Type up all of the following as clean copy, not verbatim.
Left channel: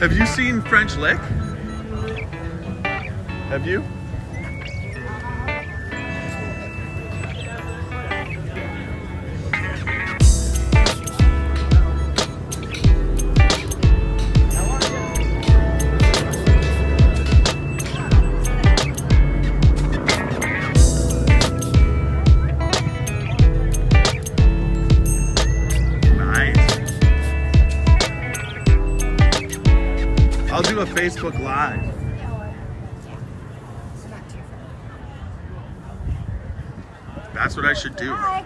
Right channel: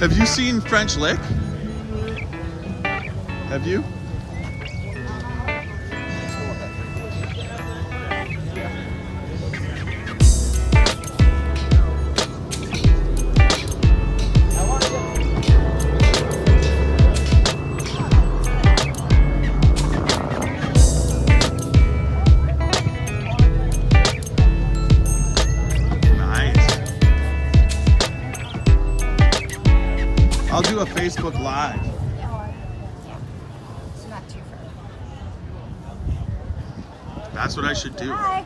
Have you seen French Lick? Have you? Facebook Live. It's not too far. That's what I should do. Hi.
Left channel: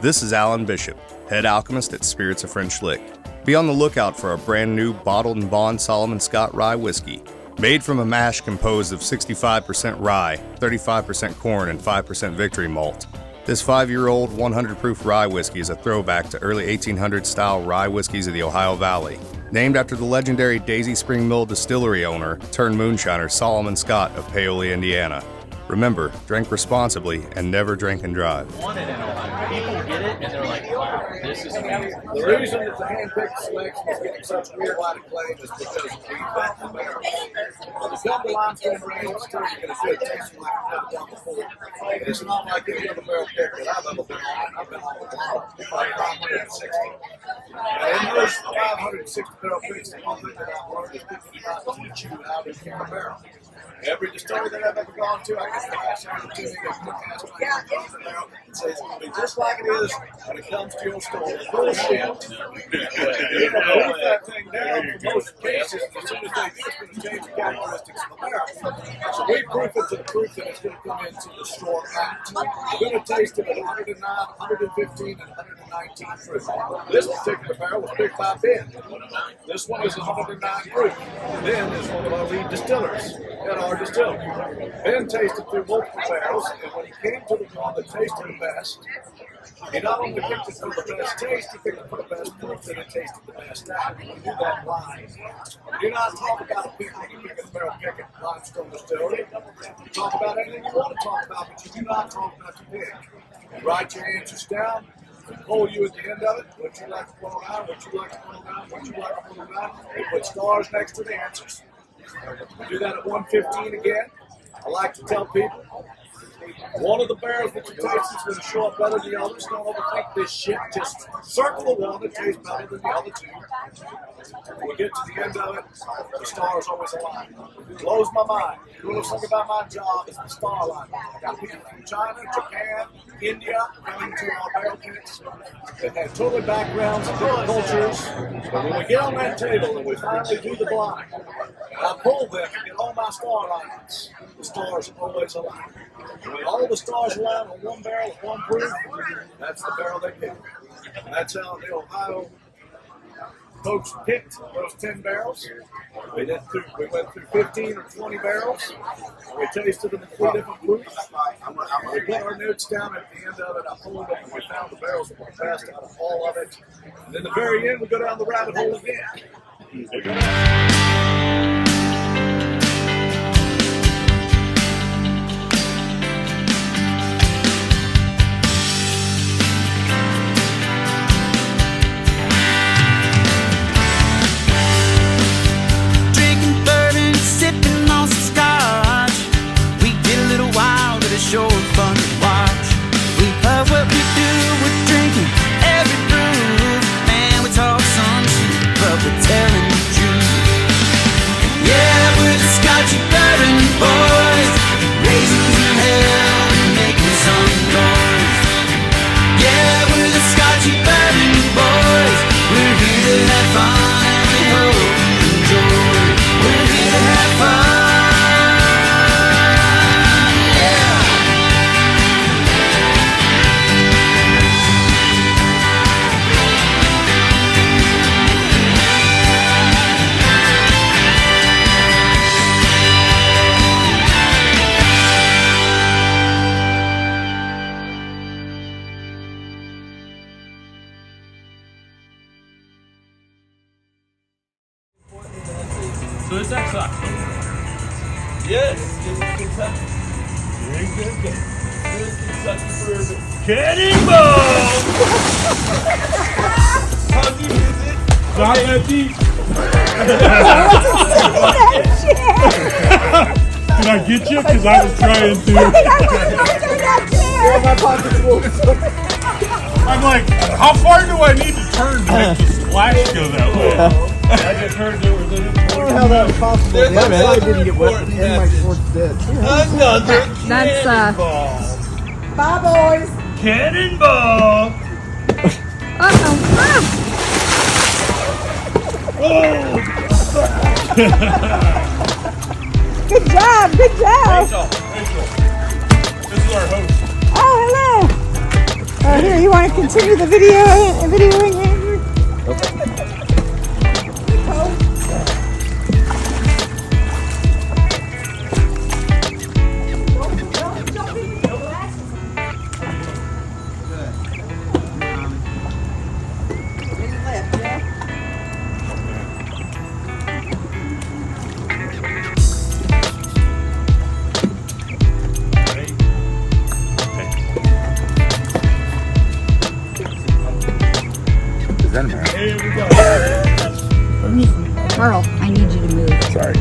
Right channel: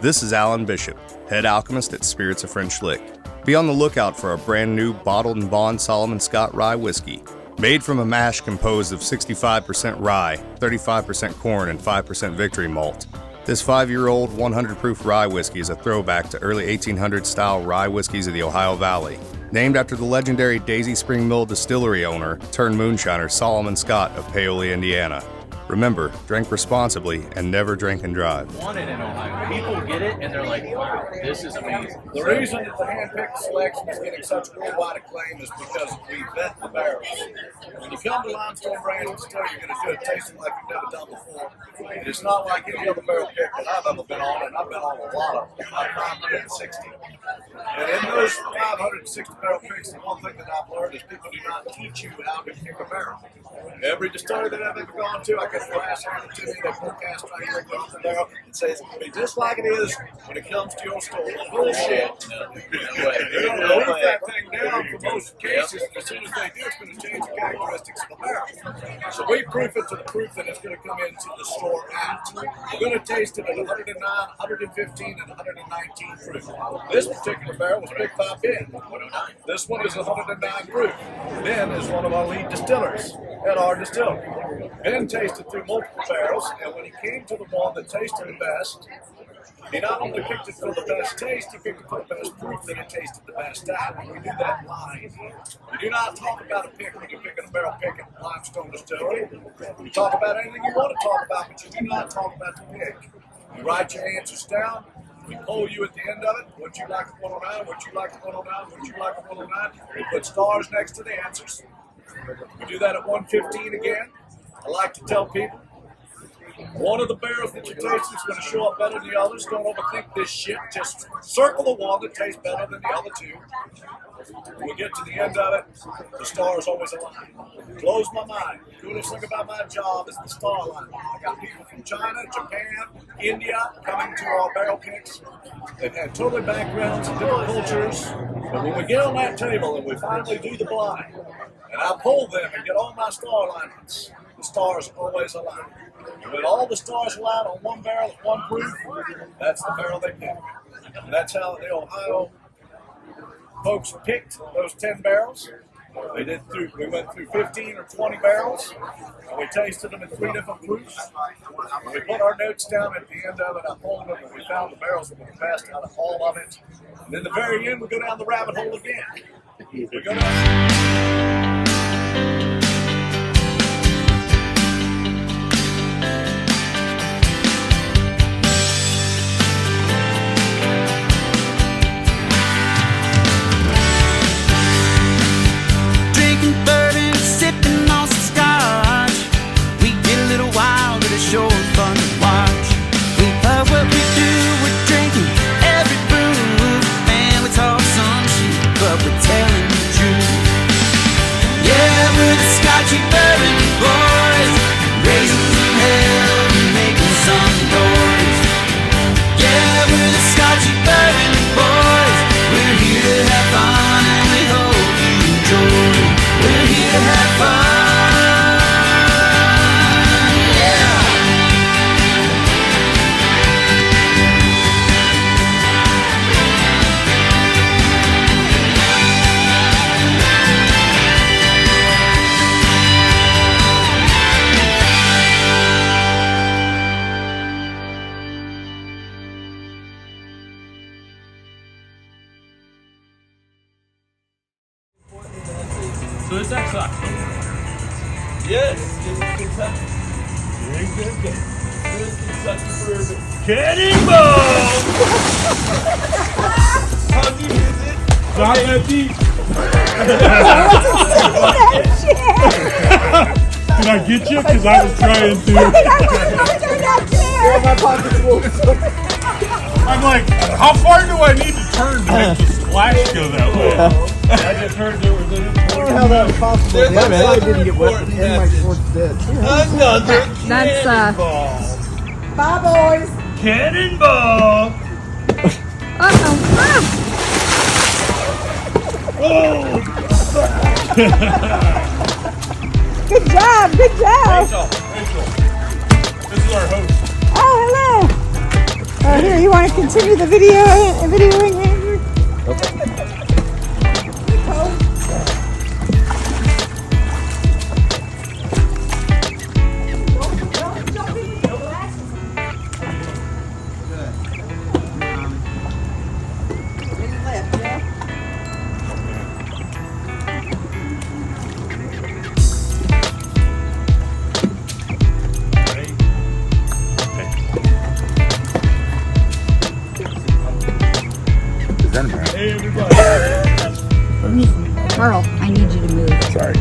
This is Alan Bishop, head alchemist at Spirits of French Lick. Be on the lookout for a brand new bottled and bond Solomon Scott rye whiskey. Made from a mash composed of 65% rye, 35% corn, and 5% victory malt. This 5-year-old 100 proof rye whiskey is a throwback to early 1800s style rye whiskeys of the Ohio Valley. Named after the legendary Daisy Spring Mill distillery owner turned moonshiner Solomon Scott of Paoli, Indiana. Remember, drink responsibly and never drink and drive. Wanted in Ohio. People get it and they're like, wow, this is amazing. The reason that the hand-picked selection is getting such worldwide acclaim is because we vet the barrels. When you come to Limestone Ranch Distillery, you're going to do a tasting like you've never done before. And it's not like any other barrel pick that I've ever been on, and I've been on a lot of them, like 560. And in those 560 barrel picks, the one thing that I've learned is people do not teach you how to pick a barrel. Every distillery that I've ever gone to, I get flash handed to me, they forecast right on the barrel and say it's going to be just like it is when it comes to your store. Well, bullshit. They're going to proof that thing down for most cases, and as soon as they do, it's going to change the characteristics of the barrel. So we proof it to the proof that it's going to come into the store at. We're going to taste it at 109, 115, and 119 proof. This particular barrel was picked by Ben. This one is 109 proof. Ben is one of our lead distillers at our distillery. Ben tasted through multiple barrels, and when he came to the one that tasted the best, he not only picked it for the best taste, he picked it for the best proof that it tasted the best at. And we do that live. You do not talk about a pick when you're picking a barrel pick at Limestone Distillery. You talk about anything you want to talk about, but you do not talk about the pick. You write your answers down. We poll you at the end of it. Would you like a 109? Would you like a 109? Would you like a 109? We put stars next to the answers. We do that at 115 again. I like to tell people, one of the barrels that you taste is going to show up better than the others. Don't overthink this shit. Just circle the one that tastes better than the other two. When we get to the end of it, the stars always align. It blows my mind. The coolest thing about my job is the star alignment. I got people from China, Japan, India coming to our barrel picks. They've had totally backgrounds and different cultures. But when we get on that table and we finally do the blind, and I pull them and get all my star alignments, the stars always align. And when all the stars align on one barrel at one proof, that's the barrel they pick. And that's how the Ohio folks picked those 10 barrels. We went through 15 or 20 barrels, and we tasted them in 3 different proofs. We put our notes down at the end of it. I pulled them, and we found the barrels that were the best out of all of it. And in the very end, we go down the rabbit hole again. We go down. Bourbon, sipping on some scotch. We get a little wild, but it's sure fun to watch. We love what we do, we're drinking every brew. Man, we talk some shit, but we're telling the truth. Yeah, we're the Scotchy Bourbon boys, raisins in hell and making some noise. Yeah, we're the Scotchy Bourbon boys. We're here to have fun and we hope you enjoy. We're here to have fun, yeah. So is that Scotch? Yes, it's Kentucky. Very good. This Kentucky bourbon. Cannonball! How deep is it? Not that deep. Did I get you? Because I was trying to. I'm like, how far do I need to turn to make the splash go that way? I just heard there was a... I don't know how that was possible. Yeah, man, I didn't get wet. My short's dead. Another That's cannonball. Bye, boys. Cannonball. Uh-oh. Good job. Good job. Rachel, this is our host. Oh, hello. Oh, here, you want to continue the videoing, Andrew? Hey, everybody. Carl, I need you to move. Sorry.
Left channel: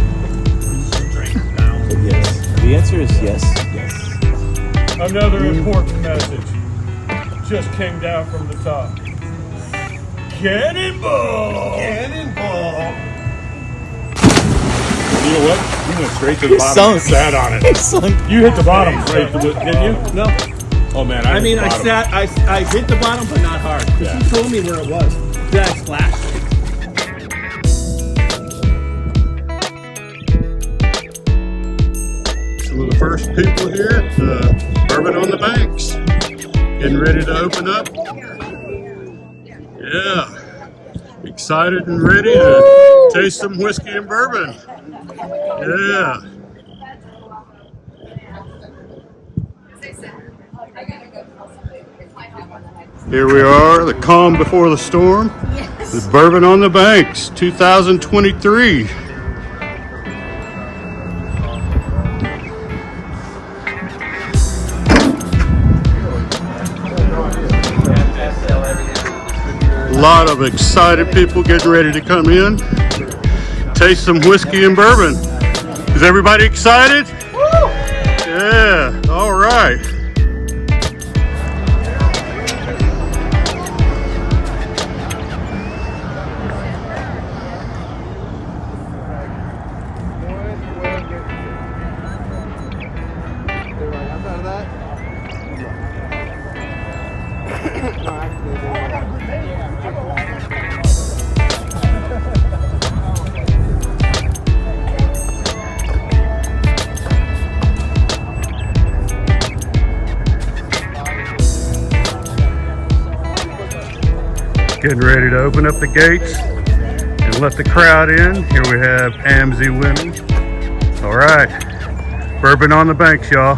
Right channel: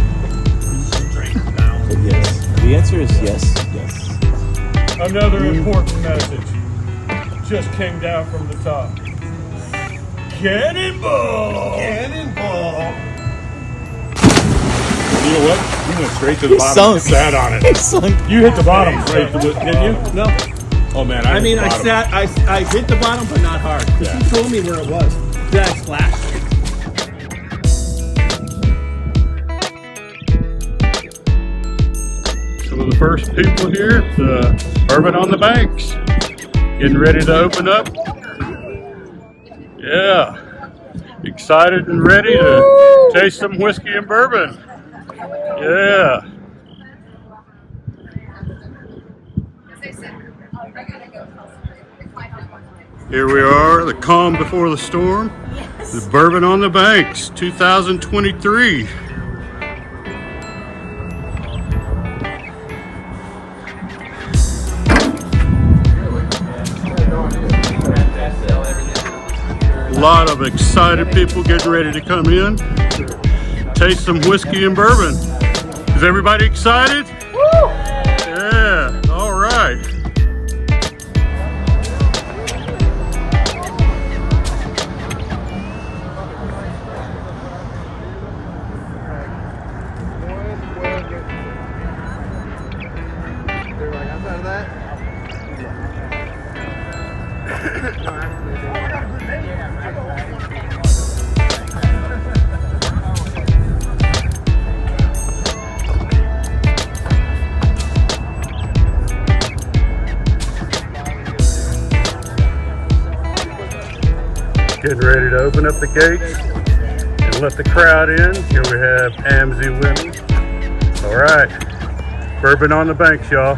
Yes. The answer is yes. Yes. Another important message just came down from the top. Cannonball! Cannonball! You know what? You went straight to the bottom and sat on it. You hit the bottom right, didn't you? No. Oh man, I mean, I hit the bottom, but not hard. Because he told me where it was. Then I splashed. Some of the first people here at Bourbon on the Banks. Getting ready to open up. Yeah. Excited and ready to taste some whiskey and bourbon. Yeah. Here we are, the calm before the storm. Yes. The Bourbon on the Banks, 2023. A lot of excited people getting ready to come in, taste some whiskey and bourbon. Is everybody excited? Yeah, all right. Getting ready to open up the gates and let the crowd in. Here we have AMSI women. All right, Bourbon on the Banks, y'all.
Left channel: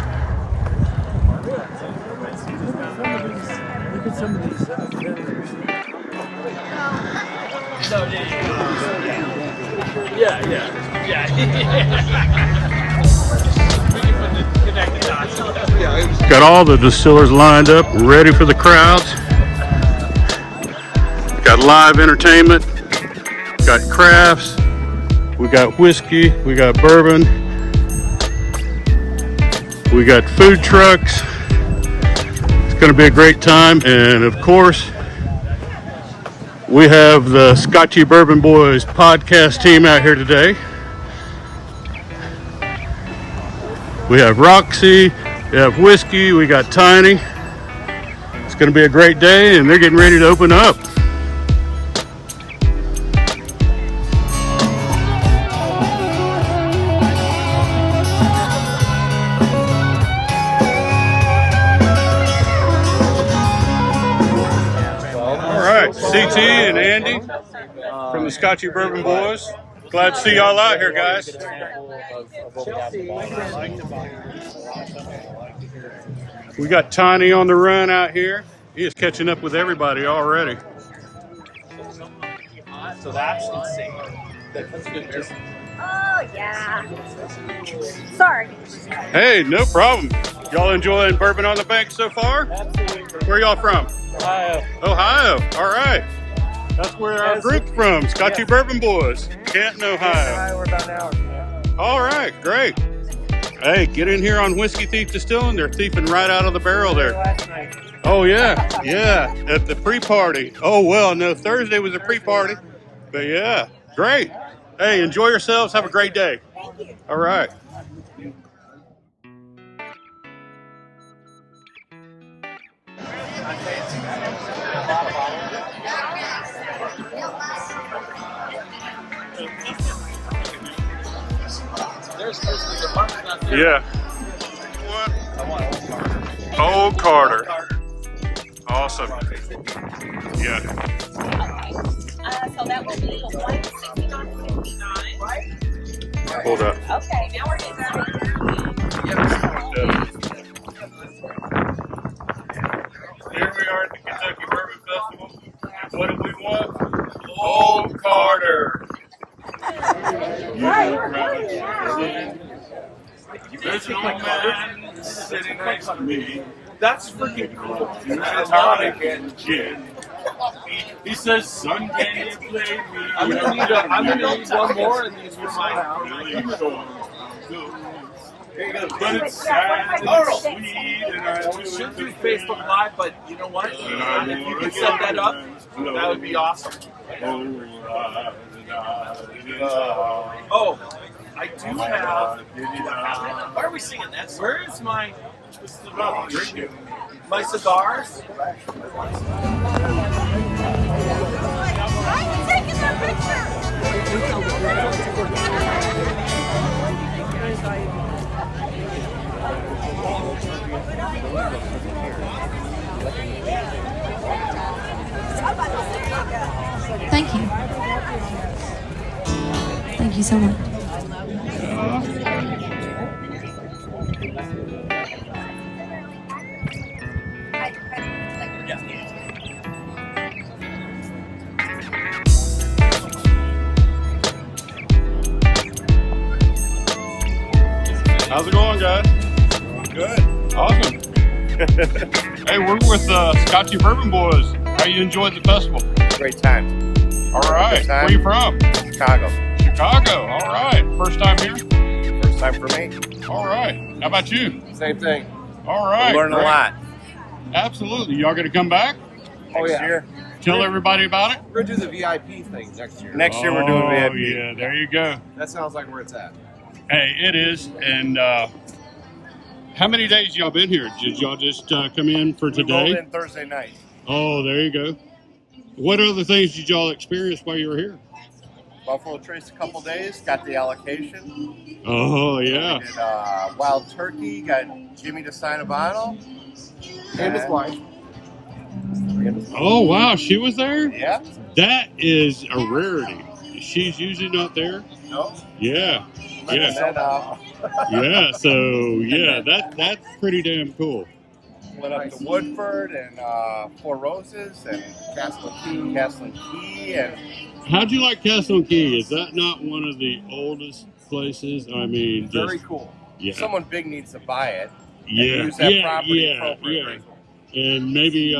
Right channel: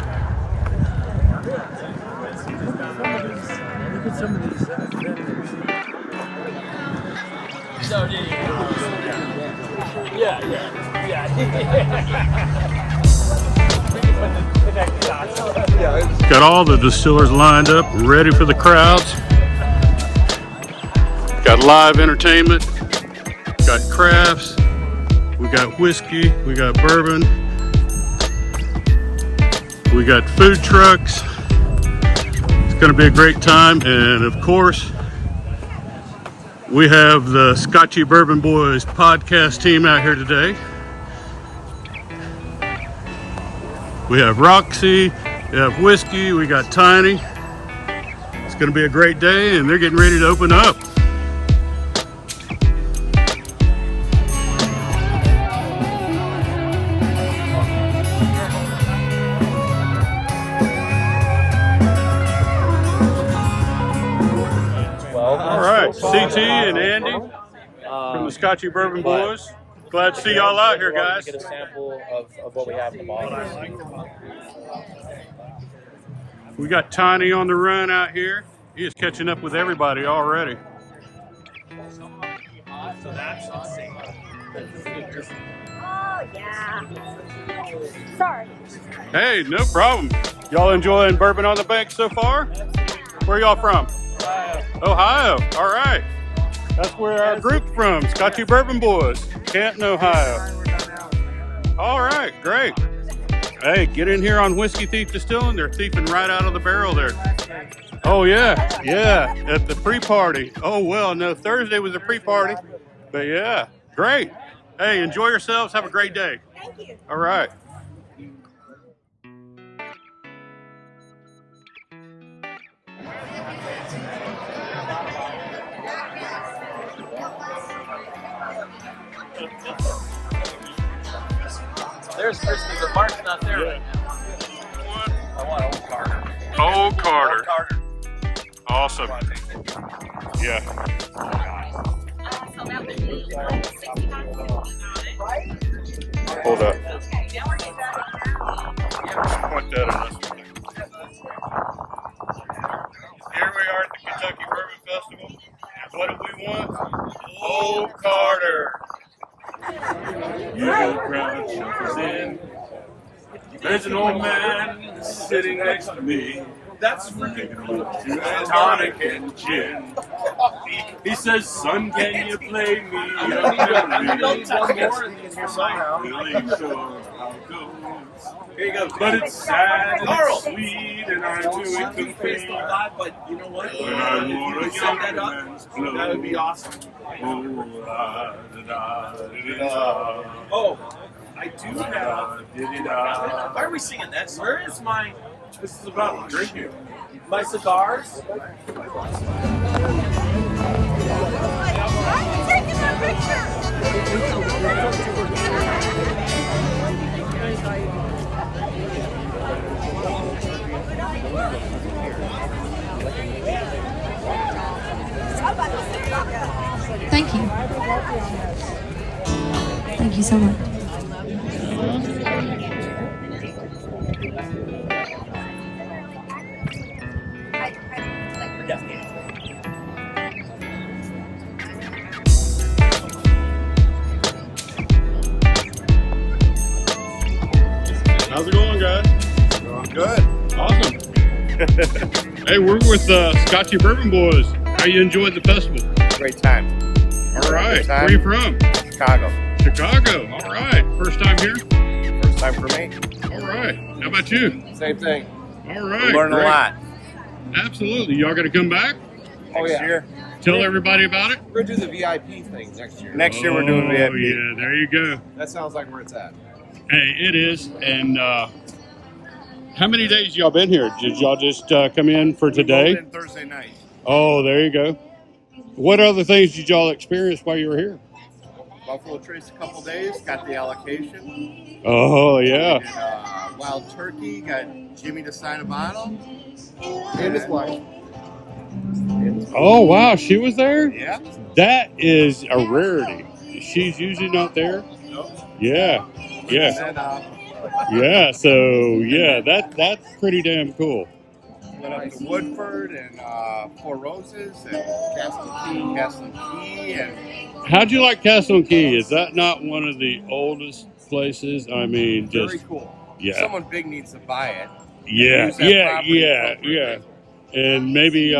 Got all the distillers lined up, ready for the crowd. Got live entertainment, got crafts, we got whiskey, we got bourbon, we got food trucks. It's gonna be a great time, and of course, we have the Scotchy Bourbon Boys podcast team out here today. We have Roxy, we have Whiskey, we got Tiny. It's gonna be a great day, and they're getting ready to open up. CT and Andy from the Scotchy Bourbon Boys. Glad to see y'all out here, guys. We got Tiny on the run out here. He is catching up with everybody already. So that's insane. Oh, yeah. Sorry. Hey, no problem. Y'all enjoying Bourbon on the Banks so far? Where y'all from? Ohio. All right. That's where our group's from, Scotchy Bourbon Boys, Canton, Ohio. All right, great. Hey, get in here on Whiskey Thief Distilling. They're thieving right out of the barrel there. Oh, yeah, at the pre-party. Oh, well, no, Thursday was a pre-party. But, yeah, great. Hey, enjoy yourselves. Have a great day. Thank you. All right. There's Whiskey, the mark's not there. Yeah. What? I want Old Carter. Old Carter. Awesome. Yeah. So that will be $169.59. Hold up. Okay, now we're getting Point that at this way. Here we are at the Kentucky Bourbon Festival. And what do we want? Old Carter. There's an old man sitting next to me. That's freaking cool. And tonic and gin. He says, son, can you play me? I'm gonna need one more and use your somehow. Here you go. But it's sad and sweet, and I do We should do it Facebook Live, but you know what? If you could set that up, that would be awesome. Oh, I do have. Why are we singing that song? Where is my? This is about drinking. My cigars? I'm taking a picture. Thank you. Thank you so much. How's it going, guys? Going good. Awesome. Hey, we're with Scotchy Bourbon Boys. How you enjoyed the festival? Great time. All right. Good time. Where are you from? Chicago. Chicago. All right. First time here? First time for me. All right. How about you? Same thing. All right. Learn a great. lot. Absolutely. Y'all going to come back? Next year. Tell everybody about it? We're gonna do the VIP thing next year. Next year we're doing VIP. Oh, yeah. There you go. That sounds like where it's at. Hey, it is. And how many days y'all been here? Did y'all just come in for We today? rolled in Thursday night. Oh, there you go. What other things did y'all experience while you were here? Buffalo Trace a couple days. Got the allocation. Oh, yeah. We did Wild Turkey. Got Jimmy to sign a bottle. And his wife. Oh, wow. She was there? Yeah. That is a rarity. She's usually not there. No. Yeah. Yeah. And then Yeah. So, yeah, that's pretty damn cool. went up to Woodford and Four Roses and Castle Key. And How'd you like Castle Key? Is that not one of the oldest places? I mean, just Very cool. if someone big needs to buy it. Yeah, use that property yeah. appropriately. And maybe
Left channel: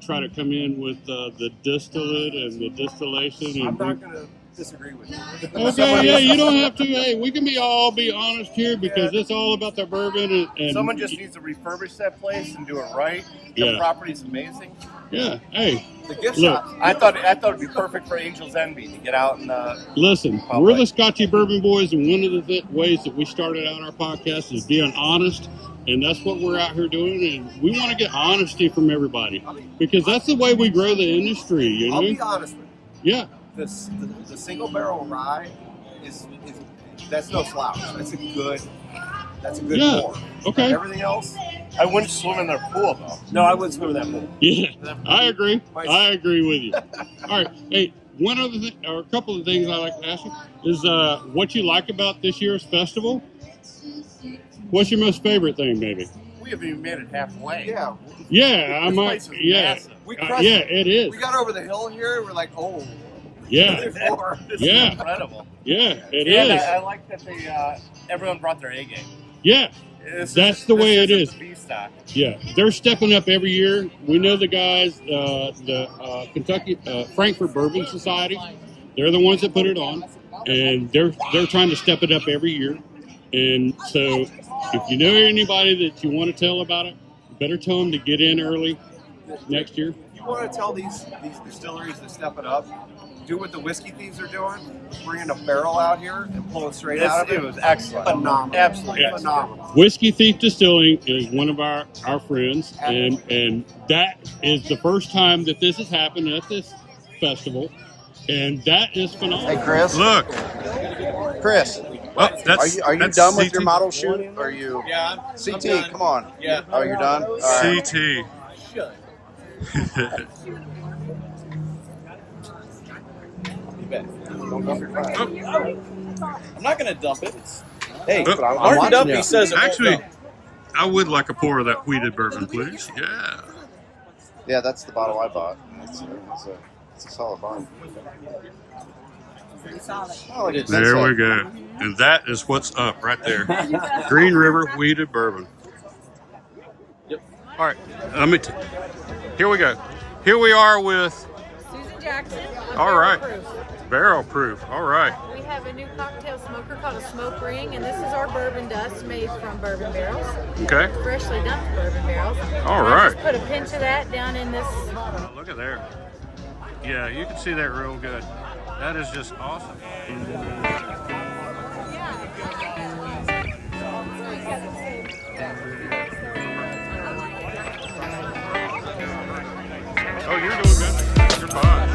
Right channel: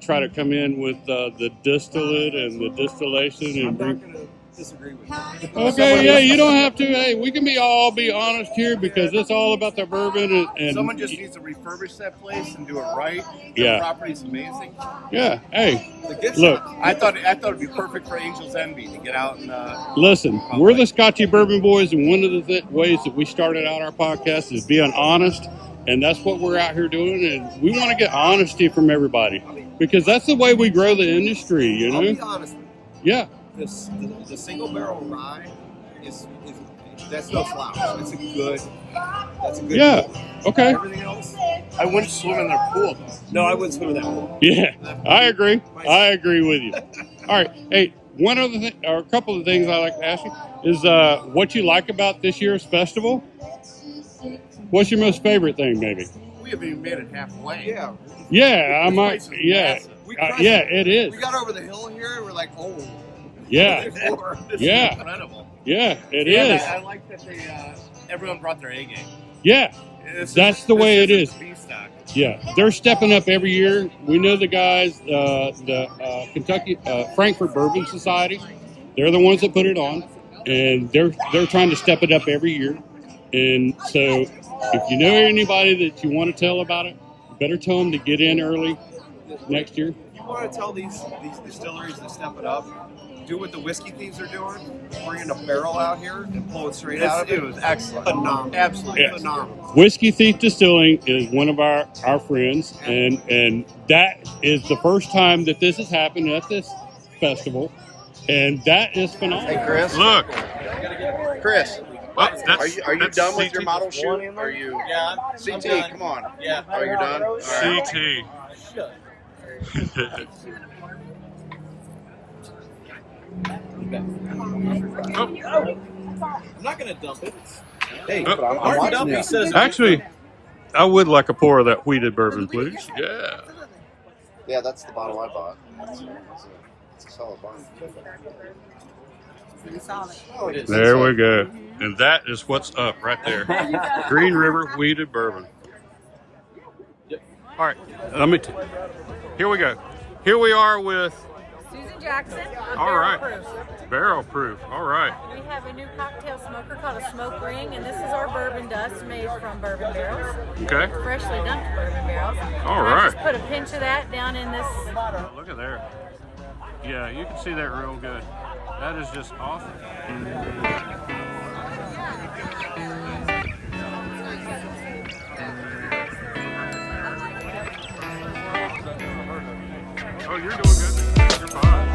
try to come in with the distillate and the distillation. I'm And not gonna disagree with you. okay, yeah, you don't have to. Hey, we can all be honest here because it's all about the bourbon. And Someone just needs to refurbish that place and do it right. Yeah. The property's amazing. Yeah, hey, The gift look, shop. I thought it'd be perfect for Angel's Envy to get out and listen, we're the Scotchy Bourbon Boys, and one of the ways that we started out our podcast is being honest, and that's what we're out here doing, and we want to get honesty from everybody because that's the way we grow the industry, you know? I'll be honest with you. Yeah. The single barrel rye is that's no slouch. That's a good Yeah. pour. Okay. Everything else? I wouldn't swim in their pool though. No, I wouldn't swim in that pool. Yeah, I agree. I agree with you. All right. Hey, one other thing, or a couple of things I like to ask you is what you like about this year's festival? What's your most favorite thing, maybe? We haven't even made it halfway. Yeah. Yeah, I This might. place is Yeah, massive. We yeah, it is. We got over the hill here. We're like, oh. Yeah, Before. This Yeah. is incredible. yeah, it And is. I like that they everyone brought their A game. Yeah, This that's is- the this way it isn't is. the stock. Yeah, they're stepping up every year. We know the guys, the Kentucky Frankfurt Bourbon Society. They're the ones that put it on, and they're trying to step it up every year. And so, if you know anybody that you want to tell about it, you better tell them to get in early next year. You want to tell these distilleries to step it up? Do what the Whiskey Thieves are doing, bringing a barrel out here and pull it straight out of it. It was excellent. Phenomenal. Absolutely phenomenal. Whiskey Thief Distilling is one of our friends, and that is the first time that this has happened at this festival, and that is phenomenal. Hey, Chris. Look, Chris, well, are you that's done with CT. your model shoot? Are you? Yeah, I'm CT, done. come on. Yeah. Oh, you're done? All right. CT. I'm not going to dump it. Hey, Oh, Martin Dumpy says it. Actually, I would like a pour of that wheated bourbon, please. Yeah. Yeah, that's the bottle I bought. It's a solid bottle. Pretty solid. Oh, it is. There we go. And that is what's up right there. Green River wheated bourbon. Yep. All right. Here we go. Here we are with Susan Jackson. All right. Proof. Barrel proof. All right. We have a new cocktail smoker called a smoke ring, and this is our bourbon dust made from bourbon barrels. Okay. Freshly dumped bourbon barrels. All And I right. just put a pinch of that down in this. Oh, look at there. Yeah, you can see that real good. That is just awesome. Oh, you're doing good. You're fine.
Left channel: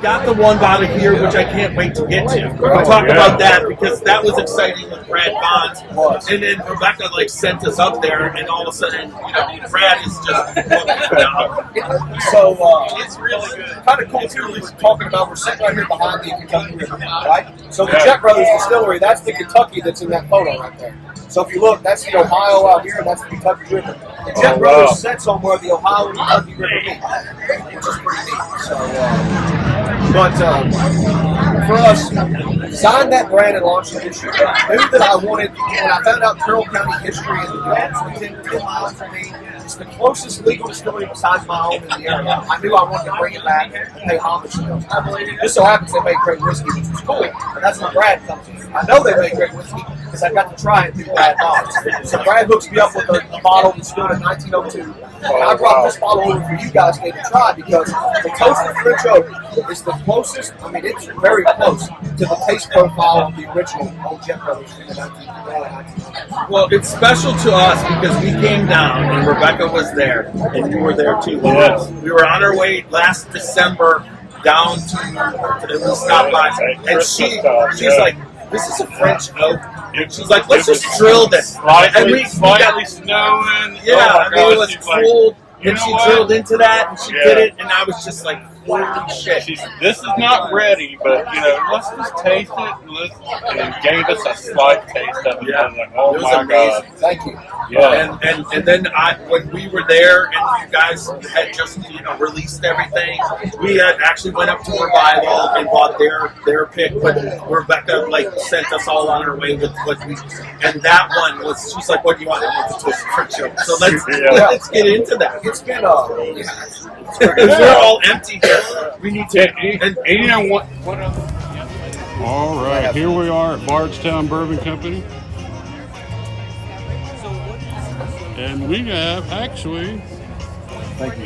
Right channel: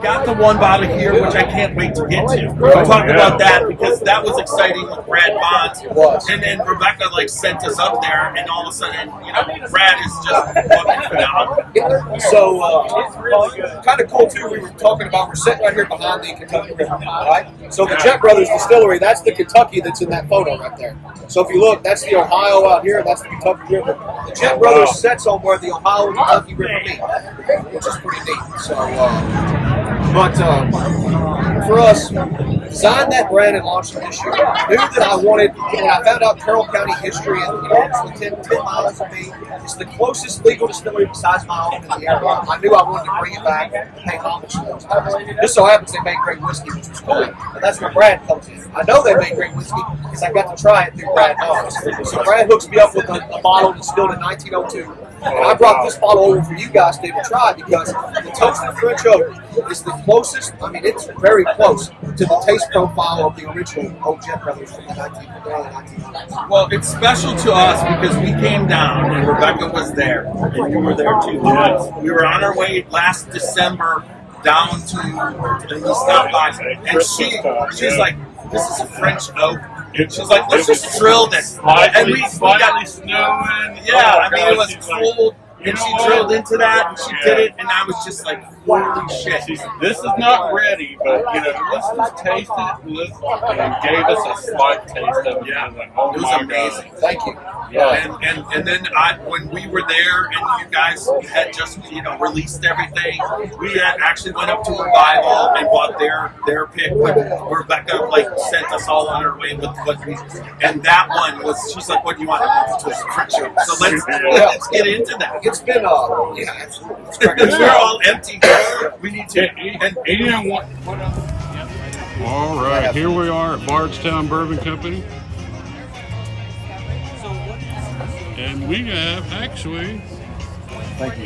Got the one bottle here, which I can't wait to get to. We'll talk about that because that was exciting with Brad Bonds. It was. And then Rebecca sent us up there, and all of a sudden, Brad is just fucking phenomenal. So, it's really good. Kind of cool too. We were talking about, we're sitting right here behind the Kentucky River, right? So the Jet Brothers Distillery, that's the Kentucky that's in that photo right there. So if you look, that's the Ohio out here, and that's the Kentucky River. The Jet Brothers sets on where the Ohio and Kentucky River meet, which is pretty neat. So, but for us, designed that brand and launched it this year. Knew that I wanted, when I found out Carroll County history, and it's within 10 miles of me, it's the closest legal distillery besides my own in the area. I knew I wanted to bring it back and pay homage to those guys. Just so happens they make great whiskey, which was cool, and that's where Brad comes in. I know they make great whiskey because I got to try it through Brad Bonds. So Brad hooks me up with a bottle distilled in 1902. And I brought this bottle over for you guys to try because the toasted French oak is the closest, it's very close to the taste profile of the original Old Jet Brothers from the early 1900s. Well, it's special to us because we came down, and Rebecca was there, and you were there too. Yes. We were on our way last December down to we stopped by, and she's like, "This is a French oak." She's like, "Let's just drill this." And we got snowing. Yeah, Oh, it was cold, and she drilled into that, and she did it, and I was just like, "Holy shit!" This is not ready, but let's just taste it. And gave us a slight taste of it. Yeah. I was like, oh It was my amazing. God. Thank you. Yeah. And then when we were there and you guys had just released everything, we had actually went up to Revival and bought their pick, but Rebecca sent us all on our way with what we, and that one was, she's like, "What do you want?" I want the twisted French oak. So let's get into that. It's been Because we're all empty here. We need to. All right, here we are at Bardstown Bourbon Company. And we have actually. Thank you.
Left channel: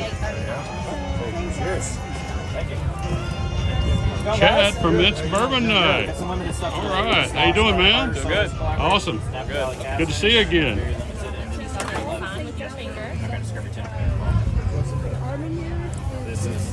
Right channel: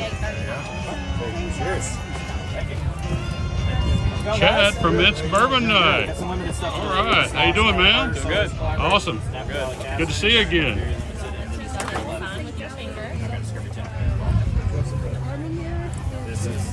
Chad from It's Bourbon Night. All right, how you doing, man? Doing good. Awesome. Good to see you again. This is.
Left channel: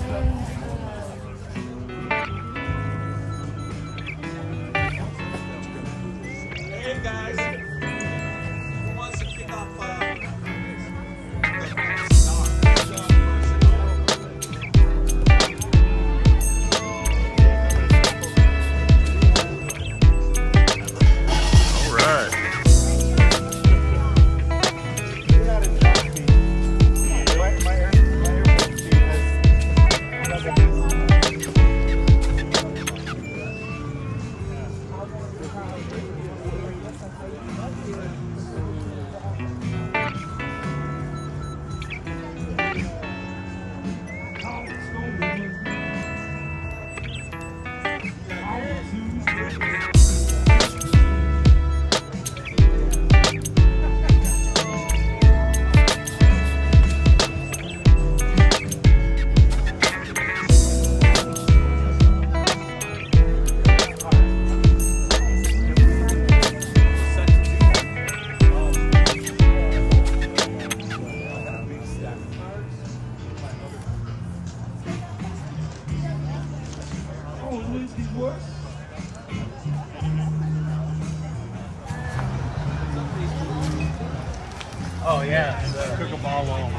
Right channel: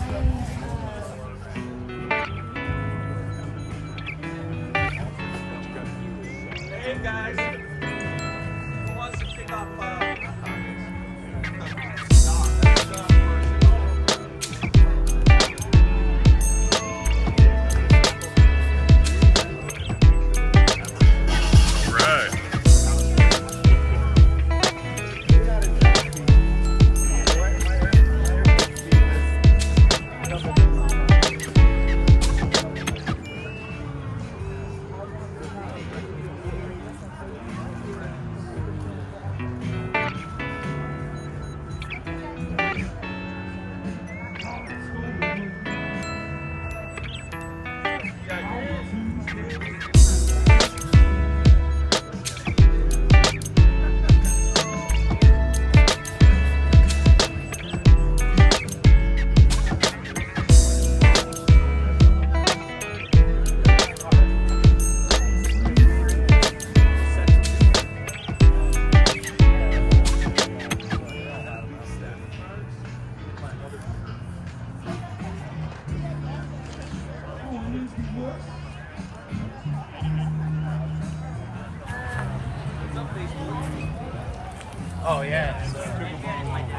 Oh yeah, cook them all on.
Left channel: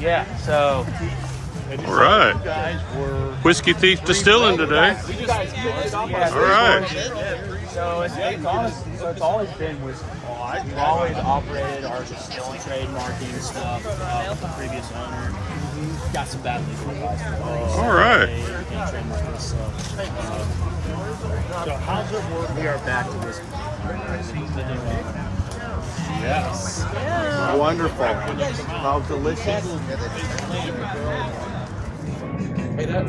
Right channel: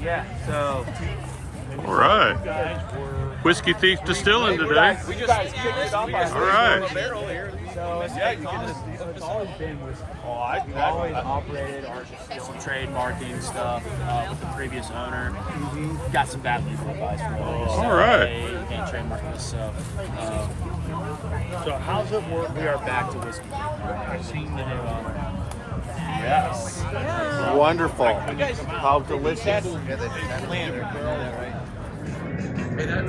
Yeah, so. All right. Whiskey Thief Distilling today. All right. So it's always been whiskey. We've always operated our still trademarking stuff with the previous owner. Got some bad legal advice for us. All right. They trademarked us. So how's it work? We are back to whiskey. Yes. Yeah. Wonderful. How delicious.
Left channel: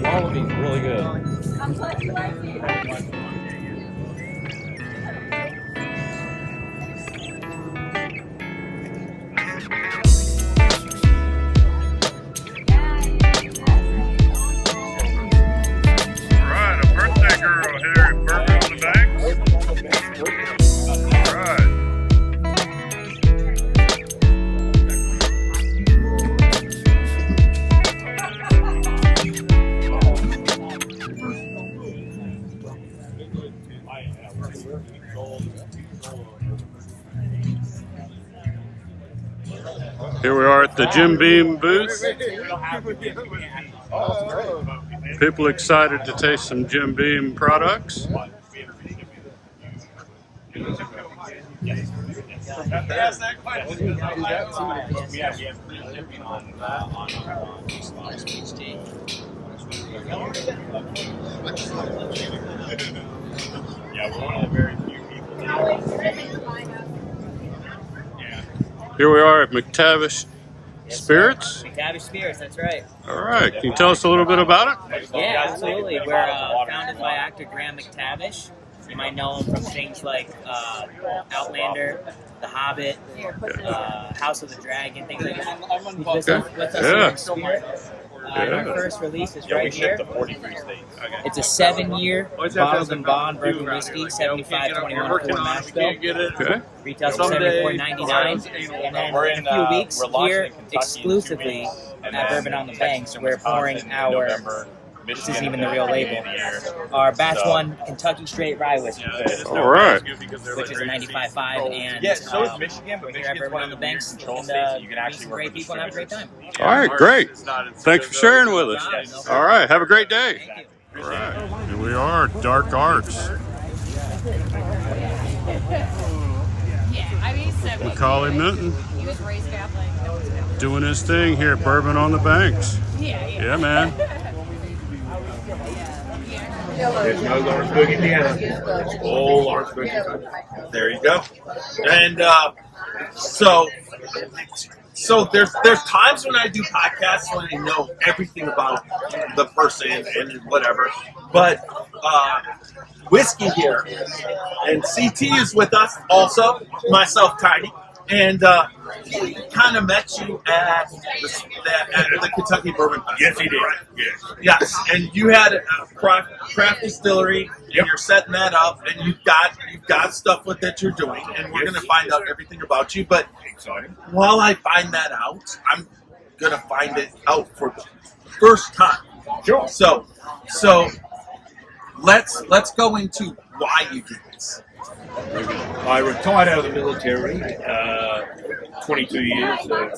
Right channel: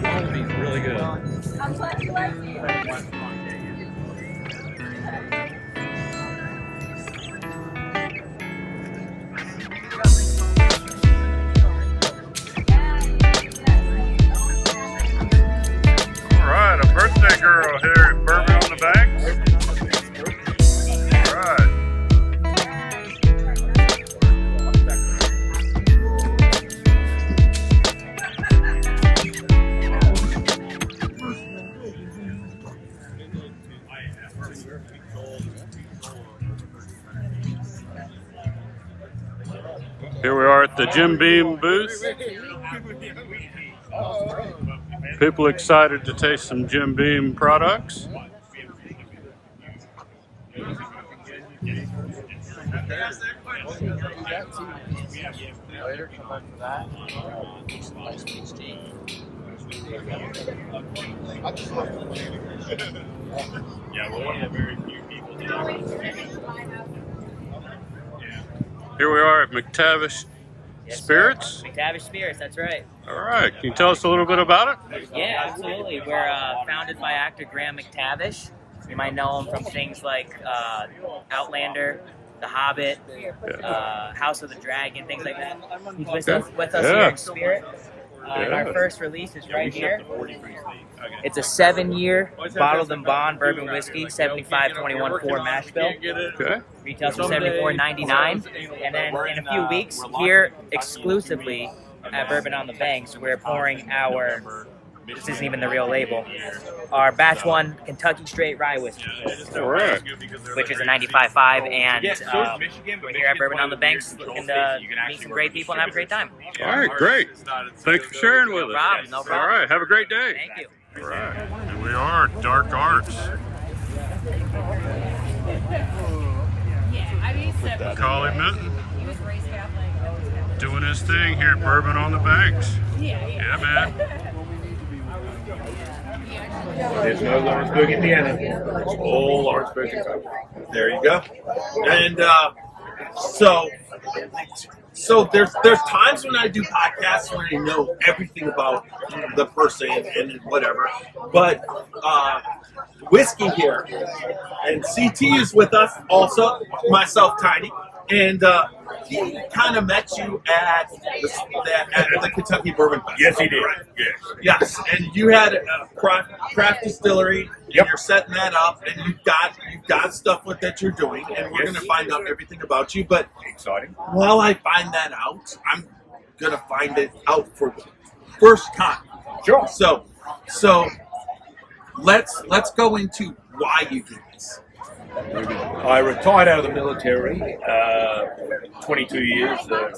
All of these really good. All right, a birthday girl here at Bourbon on the Banks. All right. Here we are at the Jim Beam booth. People excited to taste some Jim Beam products. Yeah, we're one of the very few people that Here we are at McTavish Spirits. McTavish Spirits, that's right. All right, can you tell us a little bit about it? Yeah, absolutely. We're founded by actor Graham McTavish. You might know him from things like Outlander, The Hobbit, House of the Dragon, things like that. He's with us here in spirit. Our first release is right here. It's a 7-year bottled and bond bourbon whiskey, 75-21-4 mash bill. Okay. Retails for $74.99. And then in a few weeks, here exclusively at Bourbon on the Banks, we're pouring our, this isn't even the real label, our batch 1 Kentucky Straight Rye Whiskey. All right. Which is a 95.5, and we're here at Bourbon on the Banks and meet some great people and have a great time. All right, great. Thanks for sharing with us. No problem. All right, have a great day. Thank you. All right, here we are, Dark Arts. Macaulay Minton He was raised Catholic. No one's Catholic. doing his thing here at Bourbon on the Banks. Yeah, man. There's no Lawrenceburg, Indiana. It's all Lawrenceburg, Kentucky. There you go. And so there's times when I do podcasts when I know everything about the person and whatever, but Whiskey here, and CT is with us also, myself, Tiny, and he kind of met you at the Kentucky Bourbon Festival. Yes, he did. Right? Yes. Yes, and you had a craft distillery, and you're setting that up, and you've got stuff that you're doing, and we're going to find out everything about you. But exciting. While I find that out, I'm going to find it out for the first time. Sure. So let's go into why you did this. I retired out of the military, 22 years. I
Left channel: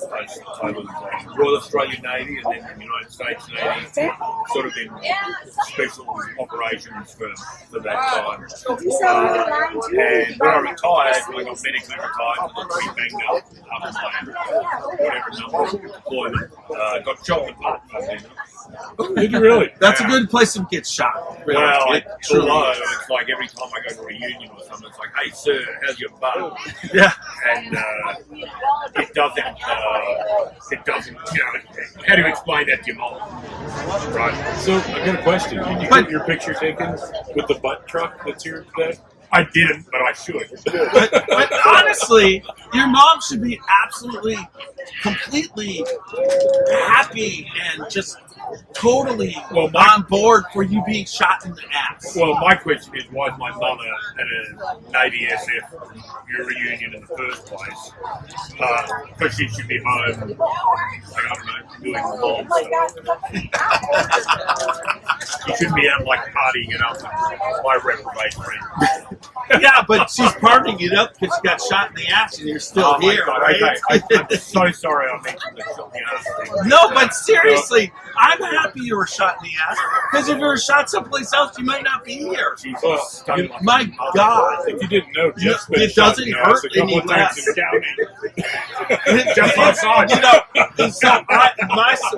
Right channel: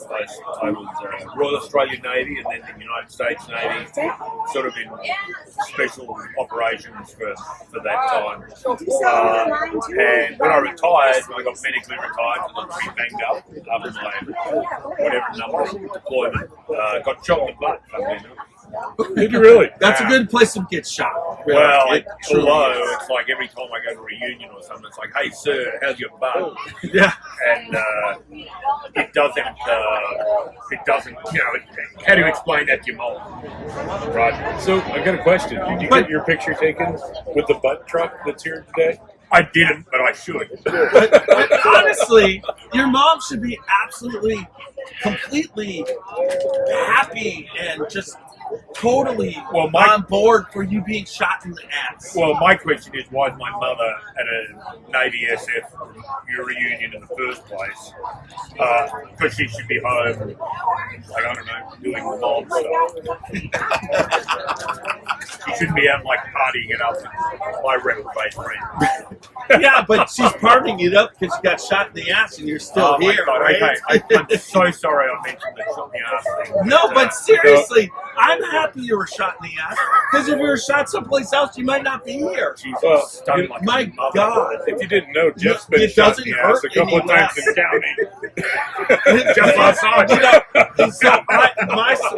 was Royal Australian Navy and then the United States Navy, sort of in special operations for that time. And when I retired, I got medically retired because I was pretty banged up after my whatever number of deployment. Got shot in the butt, funnily enough. Did you really? That's a good place to get shot. Really. Well, Although it's like every time I go to a reunion or something, it's like, hey, sir, how's your butt? Yeah. And it doesn't, how do you explain that to your mom? Right. So, I got a question. Did you get your picture taken with the butt truck that's here today? I didn't, but I should. but honestly, your mom should be absolutely, completely happy and just totally on board for you being shot in the ass. Well, my question is, why is my mother at a Navy SF reunion in the first place? Because she should be home, like, I don't know, doing the mom stuff. She shouldn't be out, like, partying it up with my reprobate friend. Yeah, but she's partying it up because she got shot in the ass and you're still my here, God, right? okay. I'm so sorry I mentioned the shot in the ass thing. No, but seriously, I'm happy you were shot in the ass because if you were shot someplace else, you might not be here. Jesus, My God. If you didn't know, Jeff's been It shot doesn't in the ass hurt a couple any of times less. in the county. Just outside. You know, so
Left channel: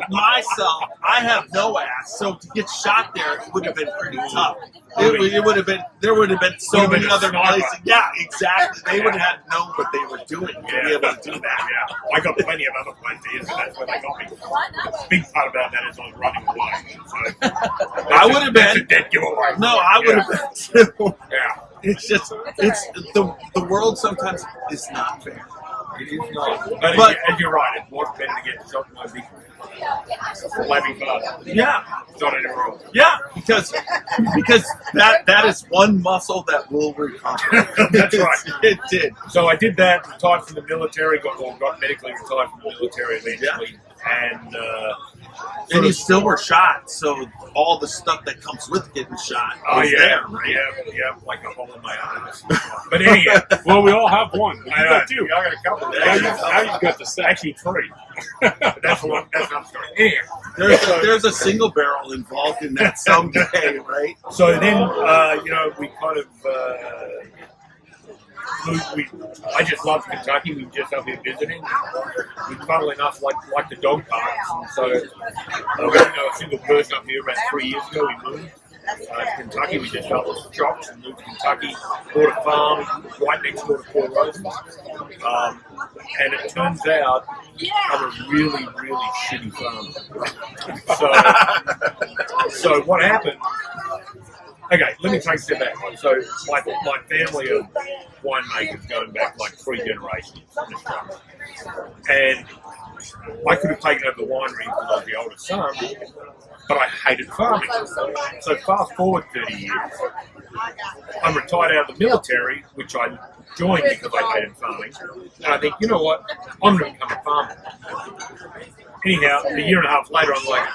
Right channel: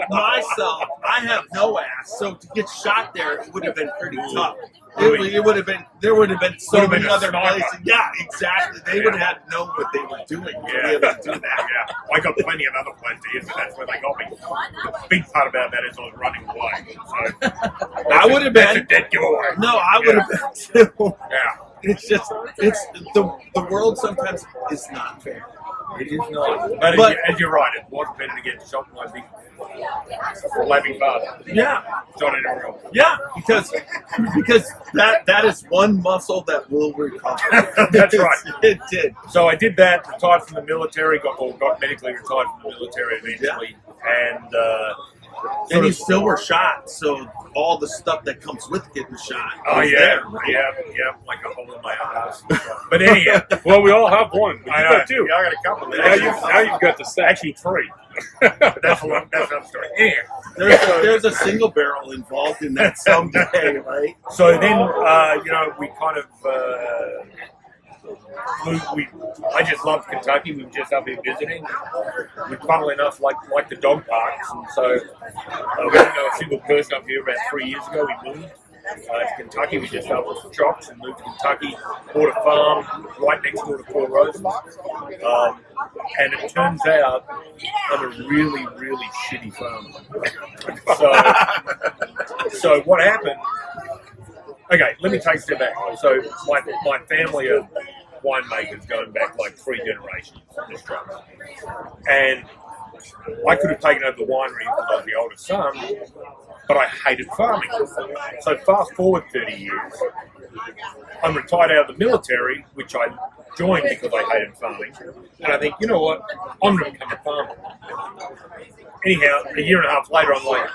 myself, I have no ass, so to get shot there, it would have been pretty tough. It would have been. There would have been so Would have many been a other sniper. places. Yeah, exactly. They would have had known what they were doing to be able to do that. Yeah, I got plenty of other places, but that's where they got me. The big part about that is I was running away. So I would have been. That's a dead giveaway. No, I would have been too. Yeah. It's just, it's the world sometimes is not fair. It is not. But as you're right, it was better to get shot by big laughing father. Yeah. Shot anywhere else. Yeah, because that is one muscle that will recover. That's right. It did. So I did that, retired from the military, got medically retired from the military eventually, and you still were shot, so all the stuff that comes with getting shot. Oh was yeah, there, right? yeah, like a hole in my ass. But anyhow, Well, we all have one. I You know got two. I got a couple. Now you've got the set. Actually, three. That's another story. Anyhow, There's a single barrel involved in that someday, right? So then, we kind of I just loved Kentucky. We were just up here visiting. We, funnily enough, like the dog parks, and so we didn't know a single person up here. About 3 years ago, we moved to Kentucky. We just started with shops and moved to Kentucky. Bought a farm right next door to Four Roses, and it turns out I'm a really, really shitty farmer. So what happened? Okay, let me take a step back. So my family of winemakers going back like 3 generations in Australia. And I could have taken over the winery because I was the oldest son, but I hated farming. So fast forward 30 years, I'm retired out of the military, which I joined because I hated farming. And I think, you know what, I'm going to become a farmer. Anyhow, a year and a half later, I'm like,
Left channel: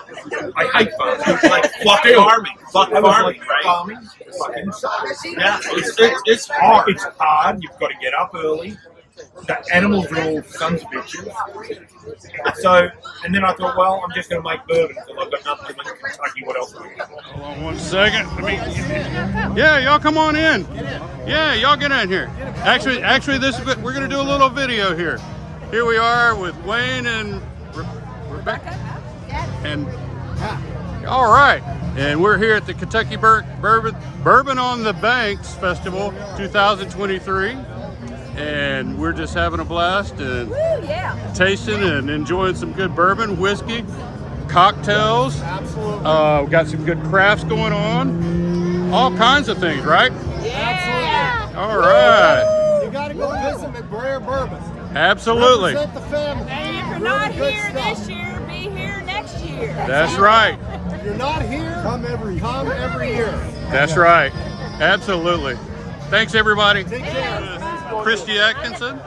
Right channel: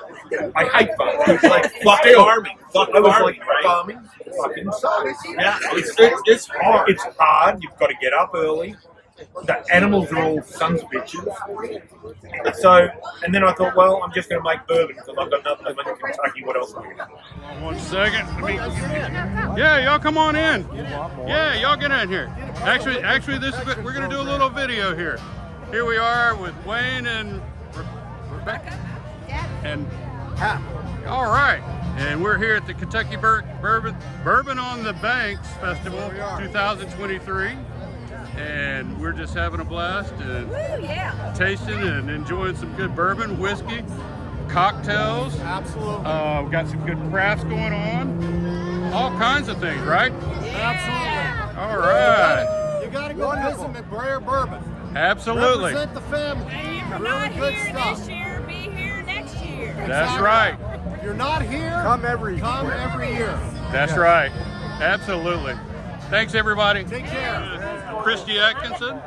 I hate farming. It's like, fuck farming. Fuck farming, right? Farming fucking sucks. Yeah, it's hard. It's hard. You've got to get up early. The animals are all sons of bitches. So, and then I thought, well, I'm just going to make bourbon because I've got nothing in Kentucky. What else am I going to do? Hold on 1 second. Yeah, y'all come on in. Yeah, y'all get in here. Actually, we're going to do a little video here. Here we are with Wayne and Rebecca and all right, and we're here at the Kentucky Bourbon on the Banks Festival 2023, and we're just having a blast and tasting and enjoying some good bourbon, whiskey, cocktails. Absolutely. We got some good crafts going on, all kinds of things, right? Absolutely. All right. You got to go visit McBrayer Bourbon. Absolutely. Represent the family. And if you're Really not good here stuff. this year, be here next year. That's right. If you're not here, come every year. That's right. Absolutely. Thanks, everybody. Take care. Christy Atkinson.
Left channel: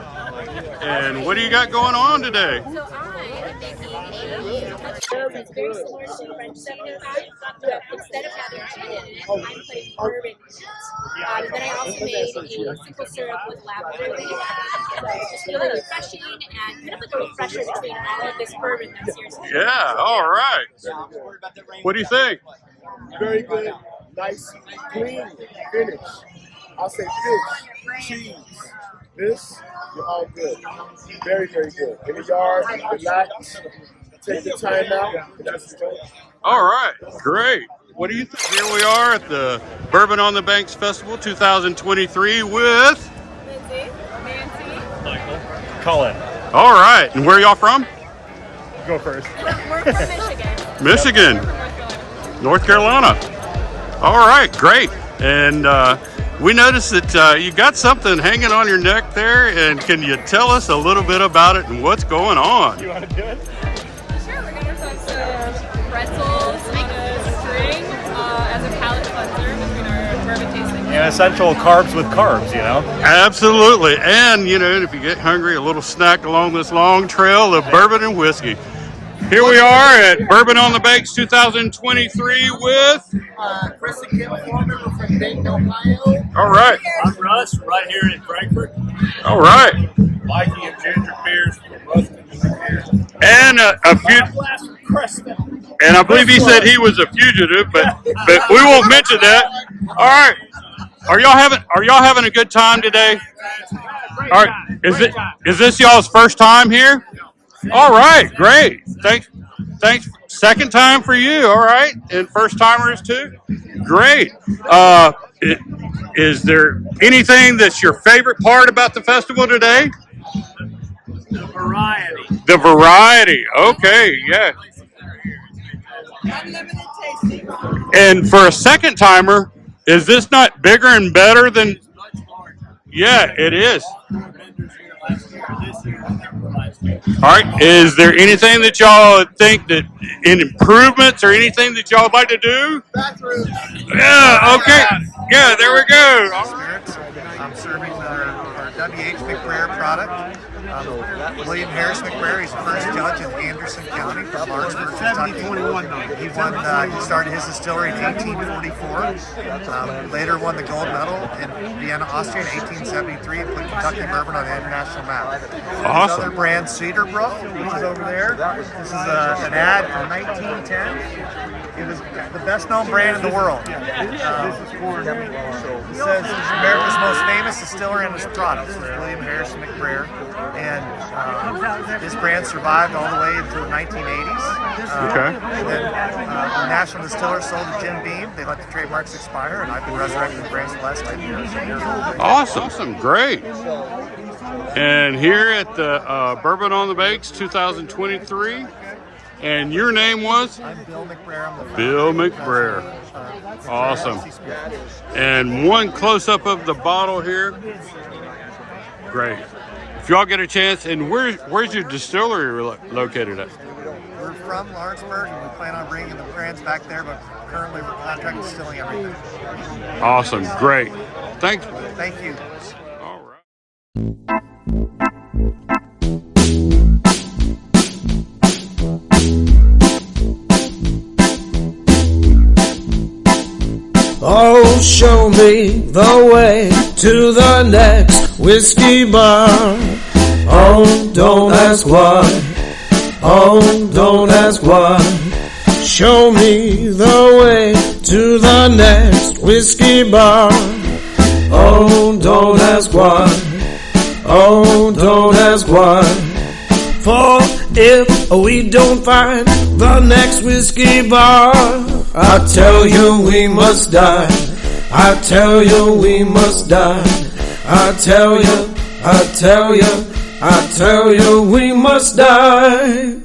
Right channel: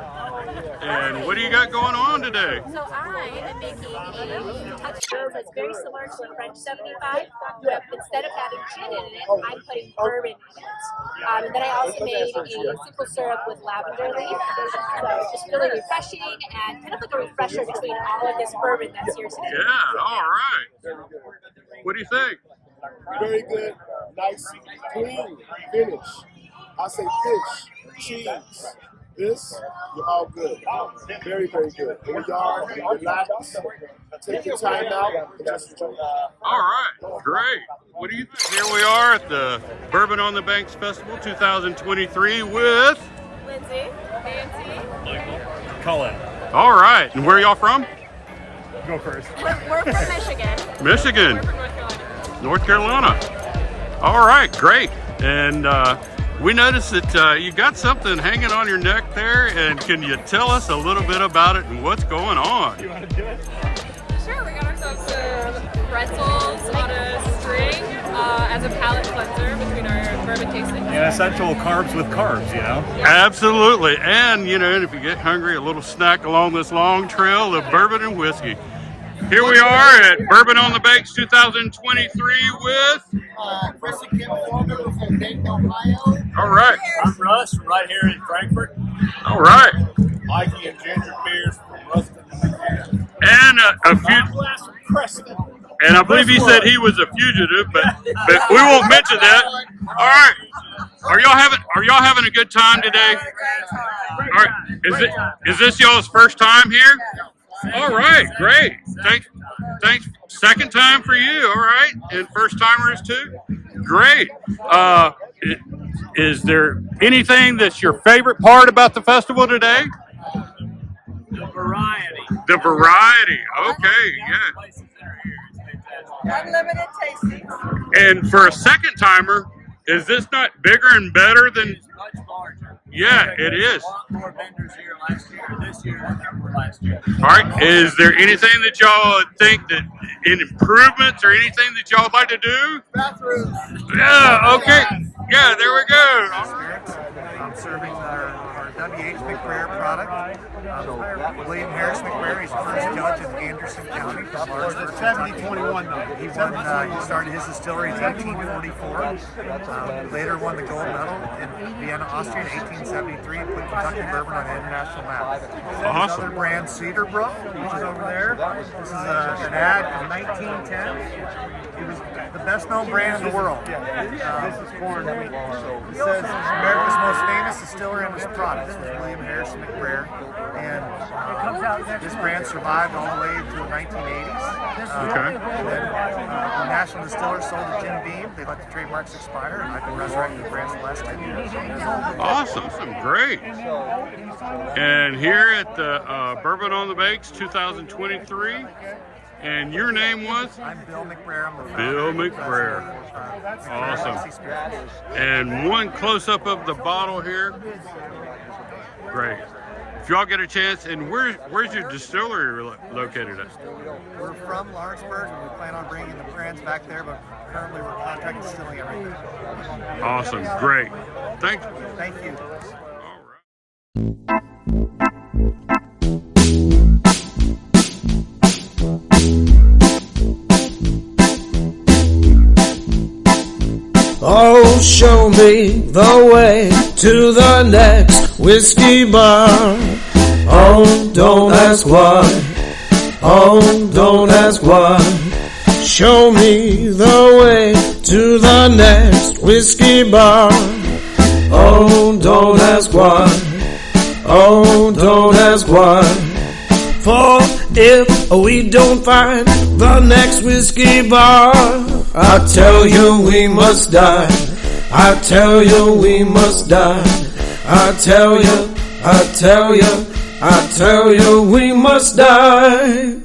And what do you got going on today? So I am making a touch that's very similar to a French 75, where instead of having gin in it, I'm putting bourbon in it. And then I also made a simple syrup with lavender leaf. So it's just really refreshing and kind of like a refresher between all of this bourbon that's here today. Yeah, all right. What do you think? Very good, nice, clean finish. I'll say fish, cheese. This, you're all good. Very, very good. In the yard, relax, take your time out, and just enjoy it. All right, great. What do you think? Here we are at the Bourbon on the Banks Festival 2023 with Lindsay, Nancy, Michael, Colin. all right, and where are y'all from? Go first. we're from Michigan. Michigan. We're from North Carolina. North Carolina. All right, great. And we noticed that you got something hanging on your neck there, and can you tell us a little bit about it and what's going on? Sure, we got ourselves some pretzels on a string as a palate cleanser between our bourbon tasting. And essential carbs with carbs, you know? Absolutely. And, you know, if you get hungry, a little snack along this long trail of bourbon and whiskey. Here we are at Bourbon on the Banks 2023 with Chris and Kim Foreman. We're from Dayton, Ohio. All right. I'm Russ, right here in Frankfurt. All right. Mikey and Ginger Pierce from Ruston. And a few. And I believe he said he was a fugitive, but we won't mention that. All right. Are y'all having a good time today? All right. Is this y'all's first time here? All right, great. Thanks. Second time for you. All right, and first timers too. Great. Is there anything that's your favorite part about the festival today? The variety. The variety. Okay, yeah. Unlimited tasting. And for a second timer, is this not bigger and better than? Yeah, it is. More vendors here last year, this year, than there were last year. All right. Is there anything that y'all think that in improvements or anything that y'all would like to do? Bathrooms. Yeah. Okay. Yeah. There we go. Spirits. I'm serving our W.H. McBrayer product. William Harris McBrayer. He's the first judge in Anderson County from Lawrenceburg, Kentucky. He started his distillery in 1844. Later won the gold medal in Vienna, Austria in 1873 and put Kentucky bourbon on the international map. Awesome. Another brand, Cedarbrook, which is over there. This is an ad from 1910. It was the best-known brand in the world. It says America's most famous distiller and his products. This is William Harris McBrayer. And this brand survived all the way into the 1980s. Okay. And then the National Distiller sold to Jim Beam. They let the trademarks expire, and I've been resurrecting the brand for the last 10 years. Awesome. Great. And here at the Bourbon on the Banks 2023. And your name was? I'm Bill McBrayer. I'm the founder. Bill McBrayer. Awesome. And one close-up of the bottle here. Great. If y'all get a chance, and where's your distillery located at? We're from Lawrenceburg, and we plan on bringing the brands back there, but currently we're contract distilling everything. Awesome. Great. Thank you. Thank you. All right. Oh, show me the way to the next whiskey bar. Oh, don't ask why. Oh, don't ask why. Show me the way to the next whiskey bar. Oh, don't ask why. Oh, don't ask why. For if we don't find the next whiskey bar, I tell you we must die. I tell you we must die. I tell you we must die.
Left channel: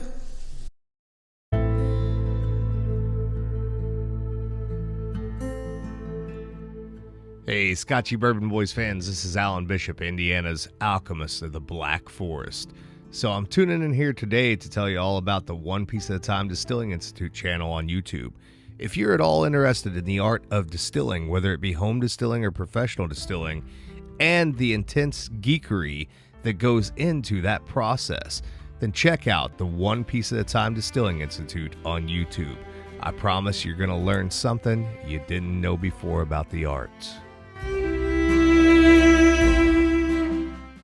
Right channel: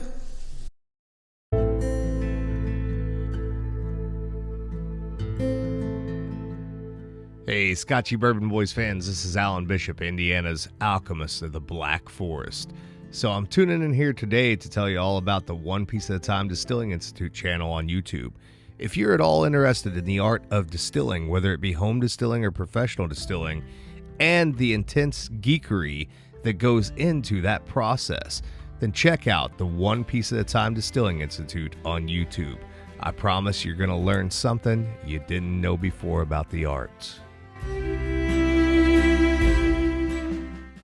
Hey, Scotchy Bourbon Boys fans, this is Alan Bishop, Indiana's alchemist of the Black Forest. So I'm tuning in here today to tell you all about the One Piece at a Time Distilling Institute channel on YouTube. If you're at all interested in the art of distilling, whether it be home distilling or professional distilling, and the intense geekery that goes into that process, then check out the One Piece at a Time Distilling Institute on YouTube. I promise you're going to learn something you didn't know before about the arts.